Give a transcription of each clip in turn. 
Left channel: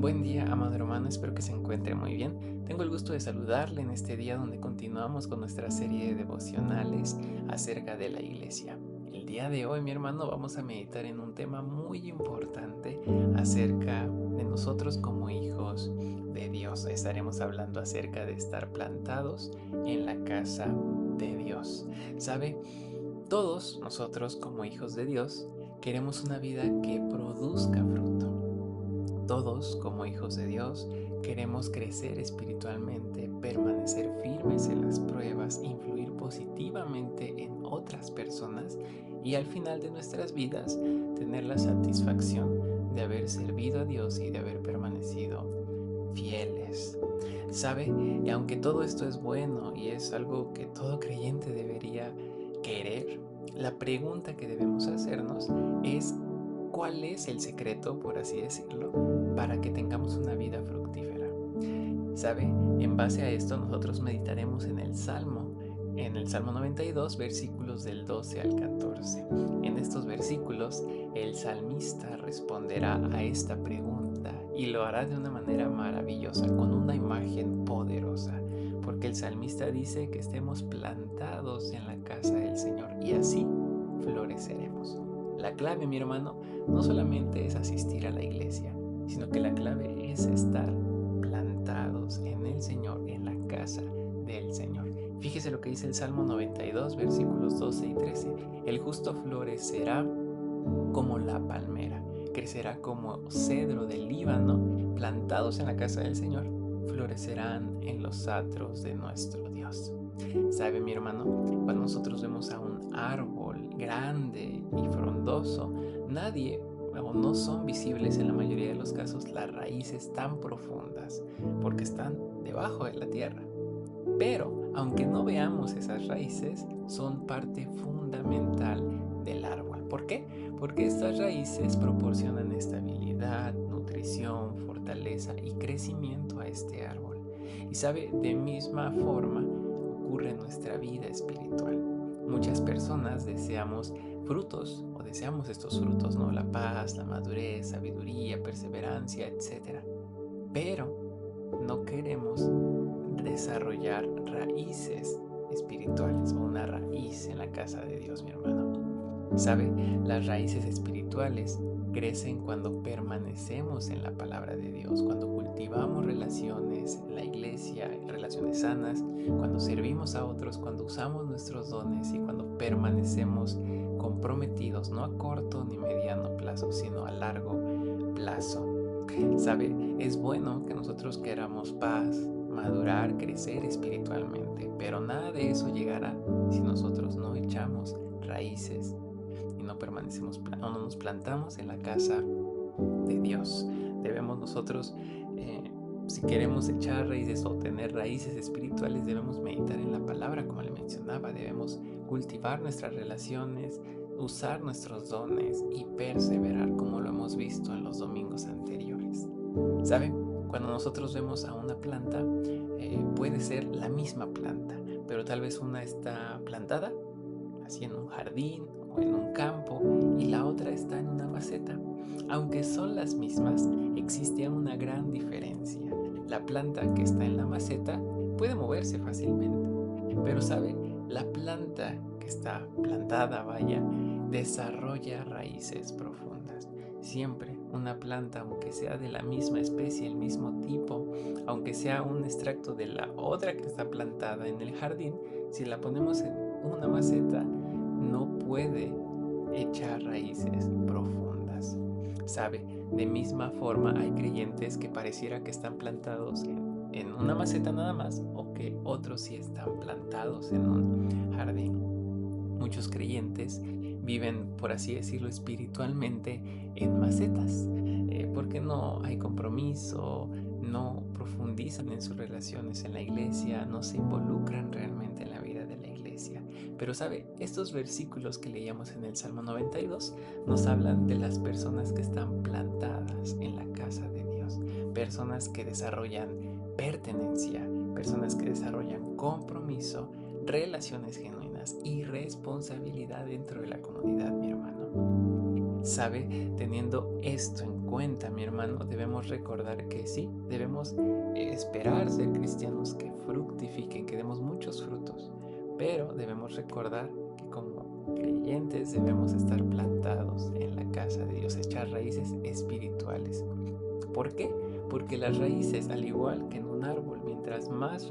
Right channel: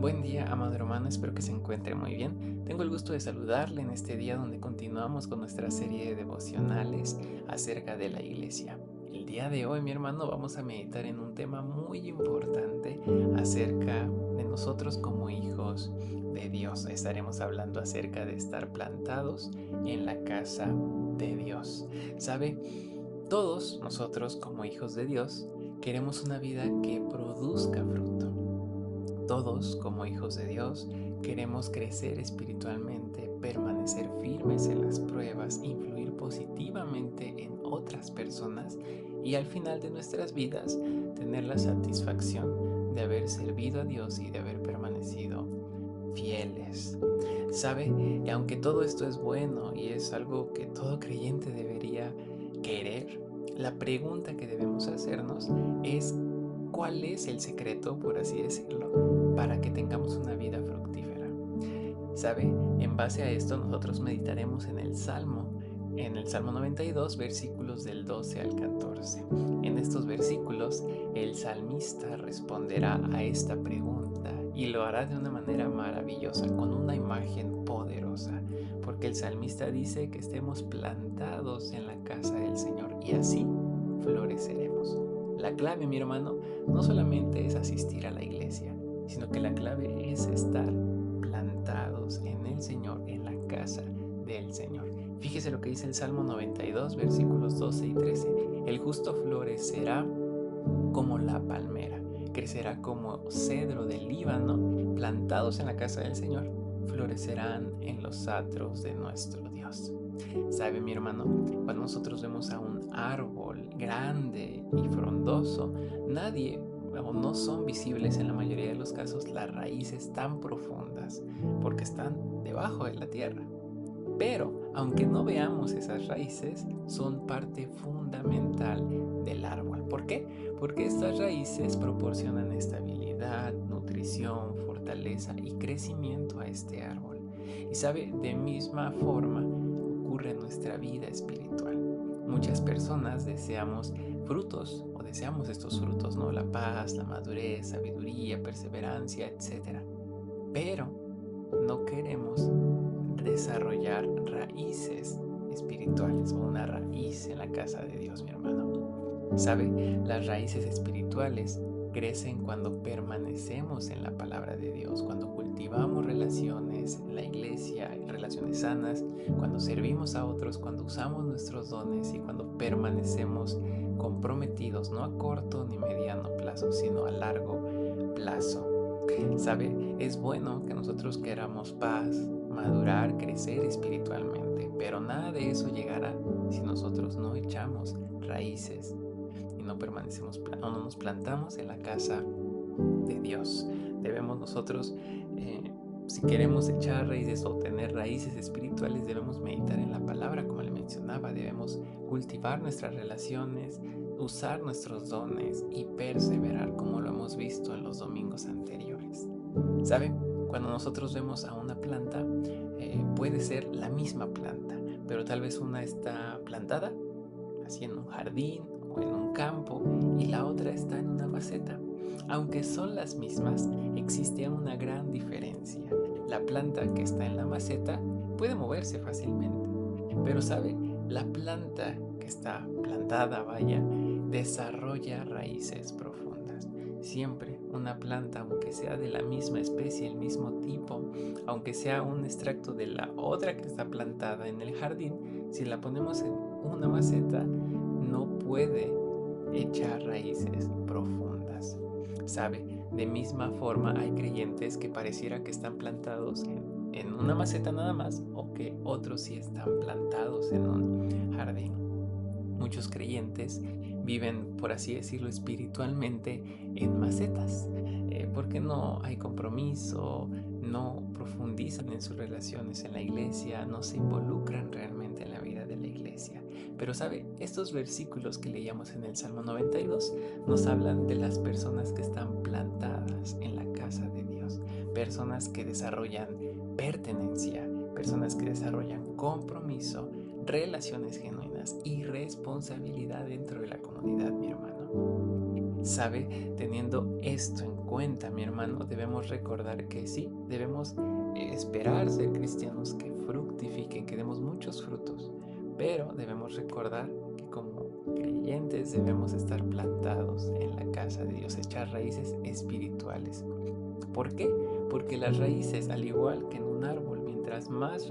Buen día, amado hermano, espero que se encuentre muy bien. Tengo el gusto de saludarle en este día donde continuamos con nuestra serie de devocionales acerca de la iglesia. El día de hoy, mi hermano, vamos a meditar en un tema muy importante acerca de nosotros como hijos de Dios. Estaremos hablando acerca de estar plantados en la casa de Dios. ¿Sabe? Todos nosotros como hijos de Dios queremos una vida que produzca fruto. Todos, como hijos de Dios, queremos crecer espiritualmente, permanecer firmes en las pruebas, influir positivamente en otras personas y al final de nuestras vidas tener la satisfacción de haber servido a Dios y de haber permanecido fieles. ¿Sabe? Y aunque todo esto es bueno y es algo que todo creyente debería querer, la pregunta que debemos hacernos es ¿cuál es el secreto, por así decirlo, para que tengamos una vida fructífera? ¿Sabe? En base a esto nosotros meditaremos en el Salmo 92, versículos del 12 al 14. En estos versículos, el salmista responderá a esta pregunta y lo hará de una manera maravillosa, con una imagen poderosa, porque el salmista dice que estemos plantados en la casa del Señor y así floreceremos. La clave, mi hermano, no solamente es asistir a la iglesia, sino que la clave es estar plantados en el Señor, en la casa del Señor. Fíjese lo que dice el Salmo 92, versículos 12 y 13. El justo florecerá como la palmera, crecerá como cedro del Líbano, plantados en la casa del Señor, florecerán en los atros de nuestro Dios. ¿Sabe, mi hermano? Cuando nosotros vemos a un árbol grande y frondoso, nadie o no son visibles en la mayoría de los casos las raíces tan profundas, porque están debajo de la tierra. Pero, aunque no veamos esas raíces, son parte fundamental del árbol. ¿Por qué? Porque estas raíces proporcionan estabilidad, nutrición, fortaleza y crecimiento a este árbol. Y sabe, de misma forma ocurre en nuestra vida espiritual. Muchas personas deseamos frutos o deseamos estos frutos, ¿no? La paz, la madurez, sabiduría, perseverancia, etcétera. Pero no queremos desarrollar raíces espirituales o una raíz en la casa de Dios, mi hermano. ¿Sabe? Las raíces espirituales crecen cuando permanecemos en la palabra de Dios, cuando cultivamos relaciones en la iglesia, relaciones sanas, cuando servimos a otros, cuando usamos nuestros dones y cuando permanecemos comprometidos, no a corto ni mediano plazo, sino a largo plazo. ¿Sabe? Es bueno que nosotros queramos paz, madurar, crecer espiritualmente, pero nada de eso llegará si nosotros no echamos raíces y no permanecemos o no nos plantamos en la casa de Dios. Debemos nosotros, si queremos echar raíces o tener raíces espirituales, debemos meditar en la palabra, como le mencionaba, debemos cultivar nuestras relaciones, usar nuestros dones y perseverar, como lo hemos visto en los domingos anteriores. ¿Sabe? Cuando nosotros vemos a una planta, puede ser la misma planta, pero tal vez una está plantada así en un jardín o en un campo y la otra está en una maceta. Aunque son las mismas, existe una gran diferencia. La planta que está en la maceta puede moverse fácilmente, pero sabe, la planta que está plantada, vaya, desarrolla raíces profundas. Siempre una planta, aunque sea de la misma especie, el mismo tipo, aunque sea un extracto de la otra que está plantada en el jardín, si la ponemos en una maceta, no puede echar raíces profundas. ¿Sabe? De misma forma hay creyentes que pareciera que están plantados en una maceta nada más o que otros sí están plantados en un jardín. Muchos creyentes viven, por así decirlo, espiritualmente en macetas, porque no hay compromiso, no profundizan en sus relaciones en la iglesia, no se involucran realmente en la vida de la iglesia. Pero sabe, estos versículos que leíamos en el Salmo 92 nos hablan de las personas que están plantadas en la casa de Dios, personas que desarrollan pertenencia, personas que desarrollan compromiso, relaciones genuinas y responsabilidad dentro de la comunidad, mi hermano. ¿Sabe? Teniendo esto en cuenta, mi hermano, debemos recordar que sí, debemos esperar ser cristianos que fructifiquen, que demos muchos frutos, pero debemos recordar que como creyentes debemos estar plantados en la casa de Dios, echar raíces espirituales. ¿Por qué? Porque las raíces, al igual que en un árbol, mientras más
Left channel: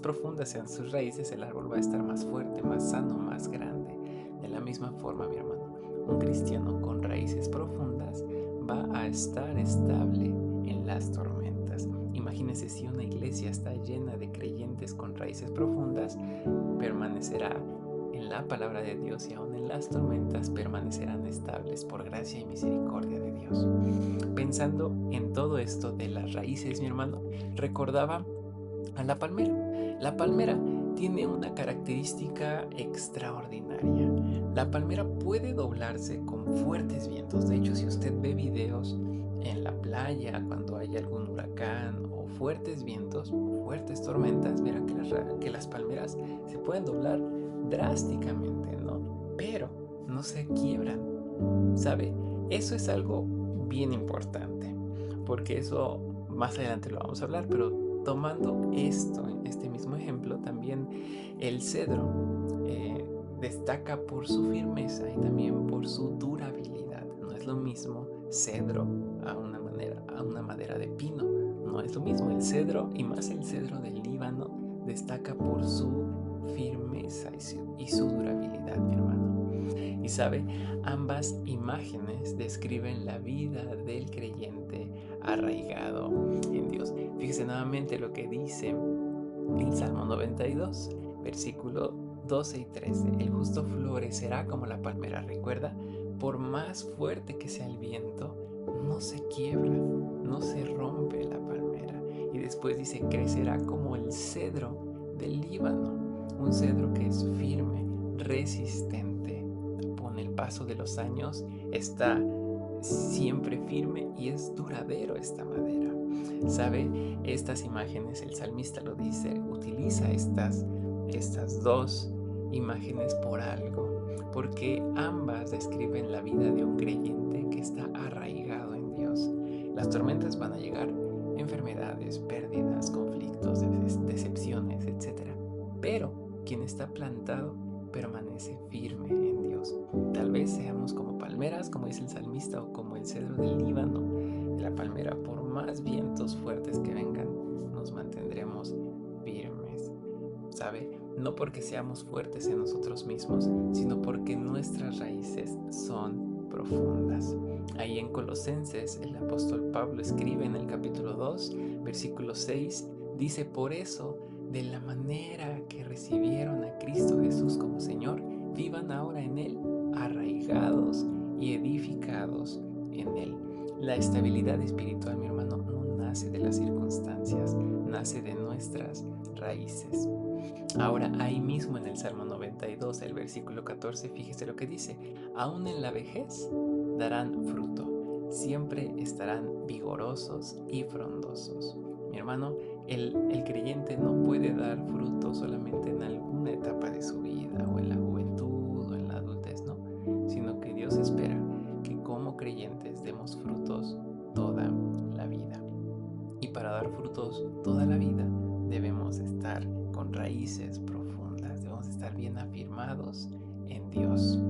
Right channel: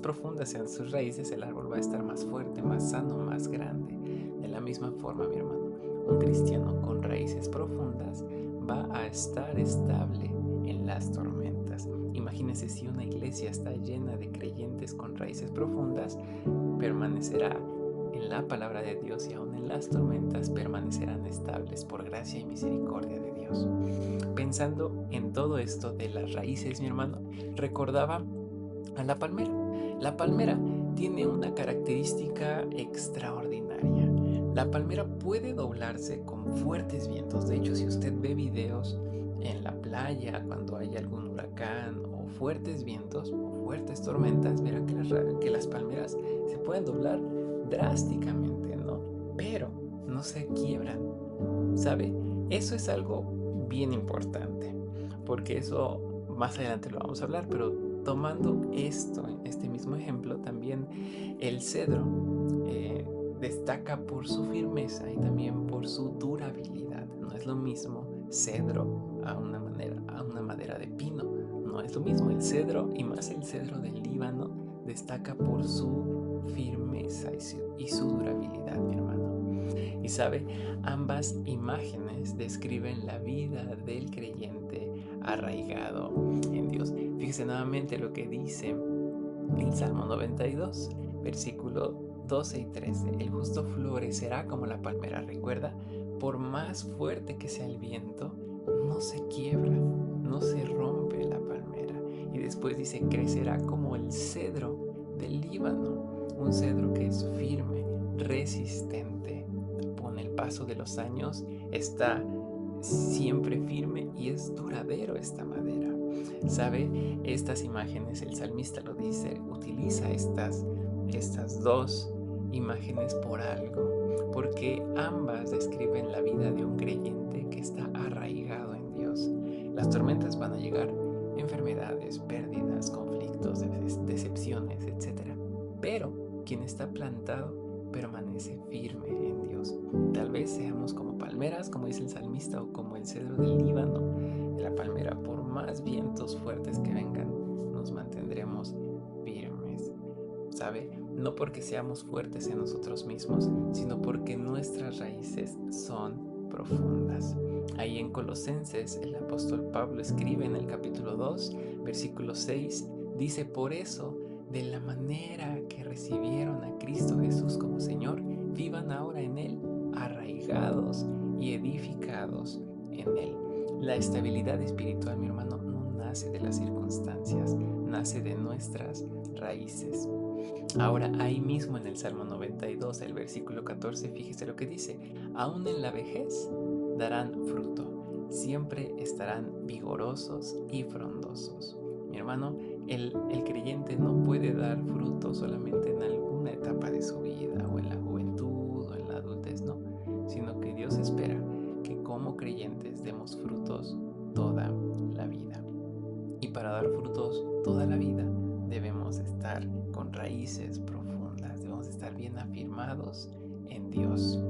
profundas sean sus raíces, el árbol va a estar más fuerte, más sano, más grande. De la misma forma, mi hermano, un cristiano con raíces profundas va a estar estable en las tormentas. Imagínese si una iglesia está llena de creyentes con raíces profundas, permanecerá en la palabra de Dios y aún en las tormentas permanecerán estables por gracia y misericordia de Dios. Pensando en todo esto de las raíces, mi hermano, recordaba a la palmera. La palmera tiene una característica extraordinaria. La palmera puede doblarse con fuertes vientos. De hecho, si usted ve videos en la playa cuando hay algún huracán o fuertes vientos o fuertes tormentas, verá que las palmeras se pueden doblar drásticamente, ¿no? Pero no se quiebran, ¿sabe? Eso es algo bien importante, porque eso más adelante lo vamos a hablar, pero tomando este mismo ejemplo, también el cedro destaca por su firmeza y también por su durabilidad. No es lo mismo cedro a una madera de pino. No es lo mismo el cedro, y más el cedro del Líbano, destaca por su firmeza y su durabilidad, mi hermano. Y sabe, ambas imágenes describen la vida del creyente arraigado en Dios. Fíjese nuevamente lo que dice el Salmo 92, versículo 12 y 13. El justo florecerá como la palmera. Recuerda, por más fuerte que sea el viento, no se quiebra, no se rompe la palmera. Y después dice, crecerá como el cedro del Líbano, un cedro que es firme, resistente. Con el paso de los años está siempre firme y es duradero esta madera. ¿Sabe? Estas imágenes, el salmista lo dice, utiliza estas dos imágenes por algo, porque ambas describen la vida de un creyente que está arraigado en Dios. Las tormentas van a llegar, enfermedades, pérdidas, conflictos, decepciones, etc. Pero quien está plantado permanece firme en Dios. Tal vez seamos como palmeras, como dice el salmista, o como el cedro del Líbano. De la palmera, por más vientos fuertes que vengan, nos mantendremos firmes. ¿Sabe? No porque seamos fuertes en nosotros mismos, sino porque nuestras raíces son profundas. Ahí en Colosenses, el apóstol Pablo escribe en el capítulo 2, versículo 6, dice, por eso, de la manera que recibieron a Cristo Jesús como Señor, vivan ahora en Él, arraigados y edificados en Él. La estabilidad espiritual, mi hermano, no nace de las circunstancias, nace de nuestras raíces. Ahora, ahí mismo en el Salmo 92, el versículo 14, fíjese lo que dice, aún en la vejez darán fruto, siempre estarán vigorosos y frondosos. Mi hermano, el creyente no puede dar fruto solamente en alguna etapa de su vida, o en la juventud, o en la adultez, no, sino que Dios espera que como creyentes demos frutos toda la vida. Y para dar frutos toda la vida debemos estar con raíces profundas, debemos estar bien afirmados en Dios.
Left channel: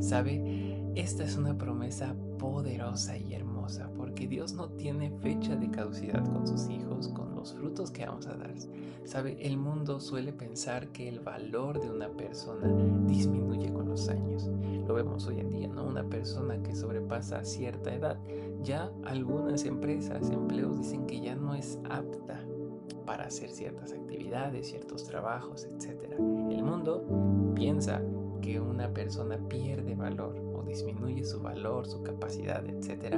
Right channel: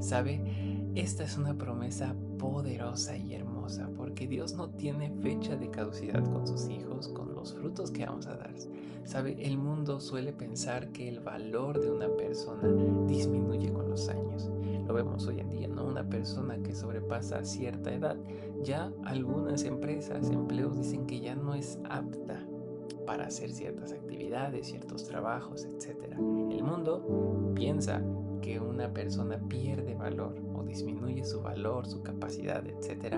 ¿Sabe? Esta es una promesa poderosa y hermosa, porque Dios no tiene fecha de caducidad con sus hijos, con los frutos que vamos a dar. ¿Sabe? El mundo suele pensar que el valor de una persona disminuye con los años. Lo vemos hoy en día, ¿no? Una persona que sobrepasa cierta edad, ya algunas empresas, empleos dicen que ya no es apta para hacer ciertas actividades, ciertos trabajos, etc. El mundo piensa que una persona pierde valor o disminuye su valor, su capacidad, etc.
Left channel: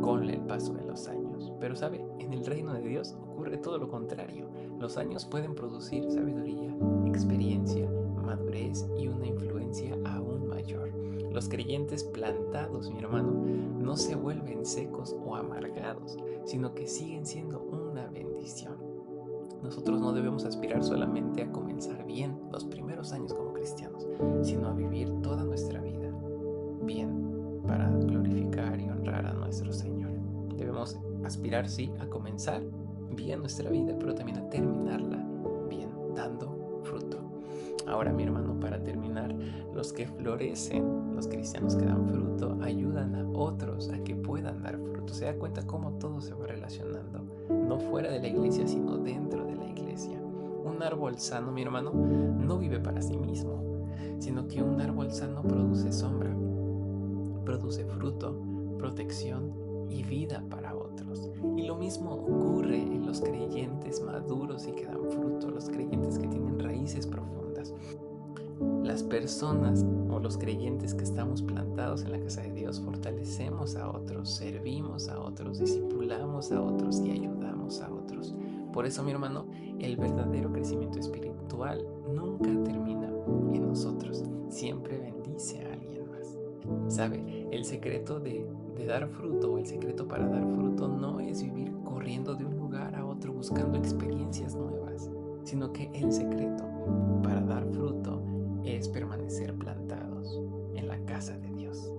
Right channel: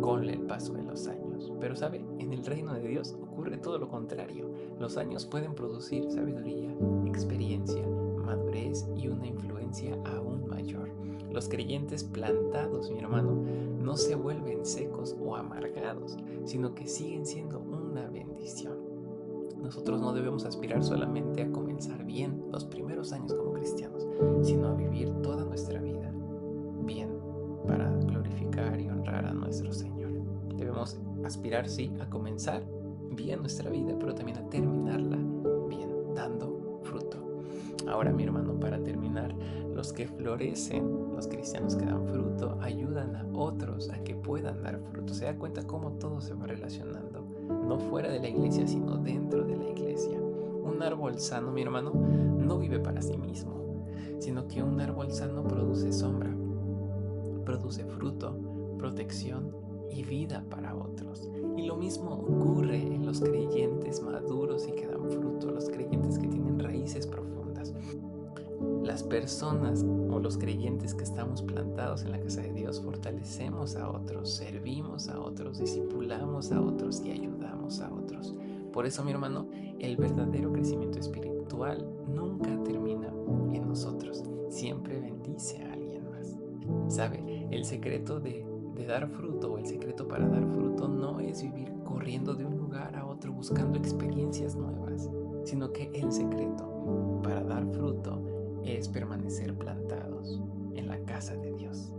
con el paso de los años. Pero sabe, en el reino de Dios ocurre todo lo contrario. Los años pueden producir sabiduría, experiencia, madurez y una influencia aún mayor. Los creyentes plantados, mi hermano, no se vuelven secos o amargados, sino que siguen siendo una bendición. Nosotros no debemos aspirar solamente a comenzar bien los primeros años como cristianos, sino a vivir toda nuestra vida bien para glorificar y honrar a nuestro Señor. Debemos aspirar, sí, a comenzar bien nuestra vida, pero también a terminarla bien, dando fruto. Ahora, mi hermano, para terminar, los que florecen, los cristianos que dan fruto, ayudan a otros a que puedan dar fruto. Se da cuenta cómo todo se va relacionando, no fuera de la iglesia, sino dentro de la iglesia. Un árbol sano, mi hermano, no vive para sí mismo, sino que un árbol sano produce sombra, produce fruto, protección y vida para otros. Y lo mismo ocurre en los creyentes maduros y que dan fruto, los creyentes que tienen raíces profundas. Las personas o los creyentes que estamos plantados en la casa de Dios fortalecemos a otros, servimos a otros, discipulamos a otros y ayudamos a otros. Por eso, mi hermano, el verdadero crecimiento espiritual nunca termina en nosotros, siempre bendice a alguien más. ¿Sabe? El secreto de dar fruto o el secreto para dar fruto no es vivir corriendo de un lugar a otro buscando experiencias nuevas, sino que el secreto para dar fruto es permanecer plantados en la casa de Dios.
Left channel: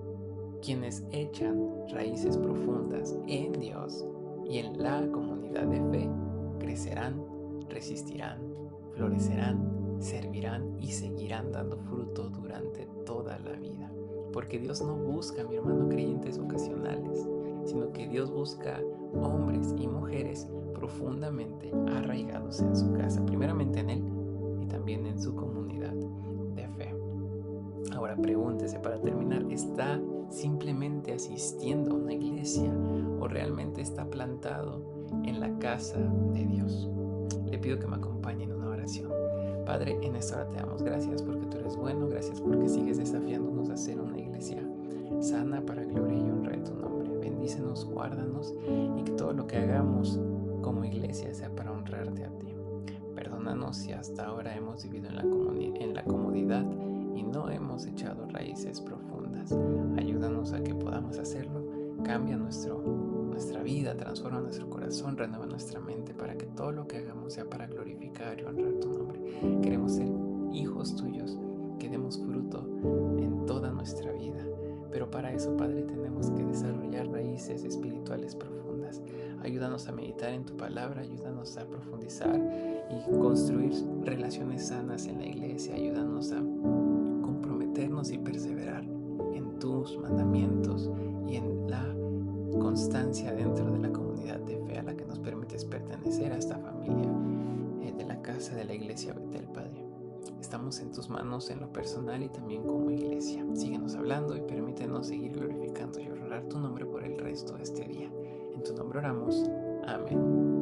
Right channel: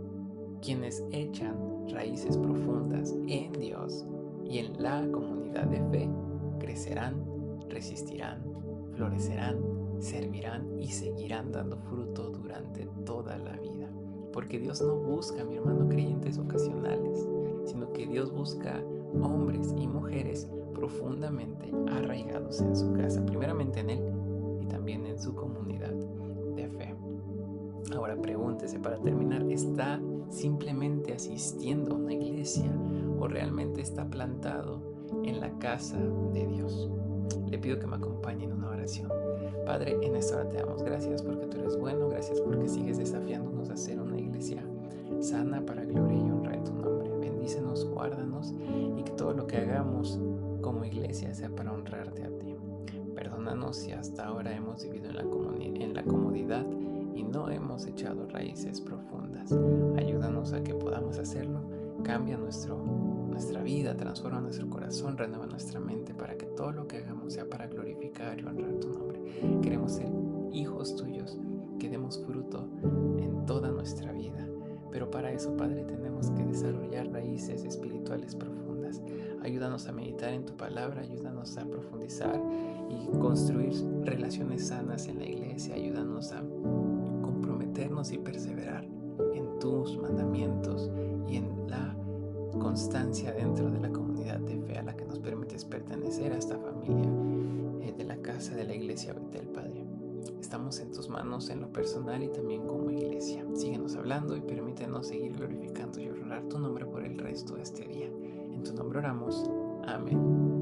Quienes echan raíces profundas en Dios y en la comunidad de fe crecerán, resistirán, florecerán, servirán y seguirán dando fruto durante toda la vida. Porque Dios no busca, mi hermano, creyentes ocasionales, sino que Dios busca hombres y mujeres profundamente arraigados en su casa, primeramente en Él y también en su comunidad de fe. Ahora pregúntese para terminar, ¿está simplemente asistiendo a una iglesia o realmente está plantado en la casa de Dios? Le pido que me acompañe en una oración. Padre, en esta hora te damos gracias porque tú eres bueno, gracias porque sigues desafiándonos a ser una iglesia sana para gloria y honra de tu nombre. Bendícenos, guárdanos y que todo lo que hagamos como iglesia sea para honrarte a ti. Perdónanos si hasta ahora hemos vivido en la comodidad y no hemos echado raíces profundas. Ayúdanos a que podamos hacerlo. Cambia nuestra vida, transforma nuestro corazón, renueva nuestra mente para que todo lo que hagamos sea para glorificar y honrar tu nombre. Queremos ser hijos tuyos, que demos fruto en toda nuestra vida. Pero para eso, Padre, tenemos que desarrollar raíces espirituales profundas. Ayúdanos a meditar en tu palabra, ayúdanos a profundizar y construir relaciones sanas en la iglesia. Ayúdanos a comprometernos y perseverar en tus mandamientos y en la constancia dentro de la comunidad de fe a la que nos permites pertenecer, a esta familia de la casa de la iglesia Betel, Padre. Estamos en tus manos en lo personal y también como iglesia. Síguenos hablando y permítenos seguir glorificando y honrar tu nombre por el resto de este día. En tu nombre oramos. Amén.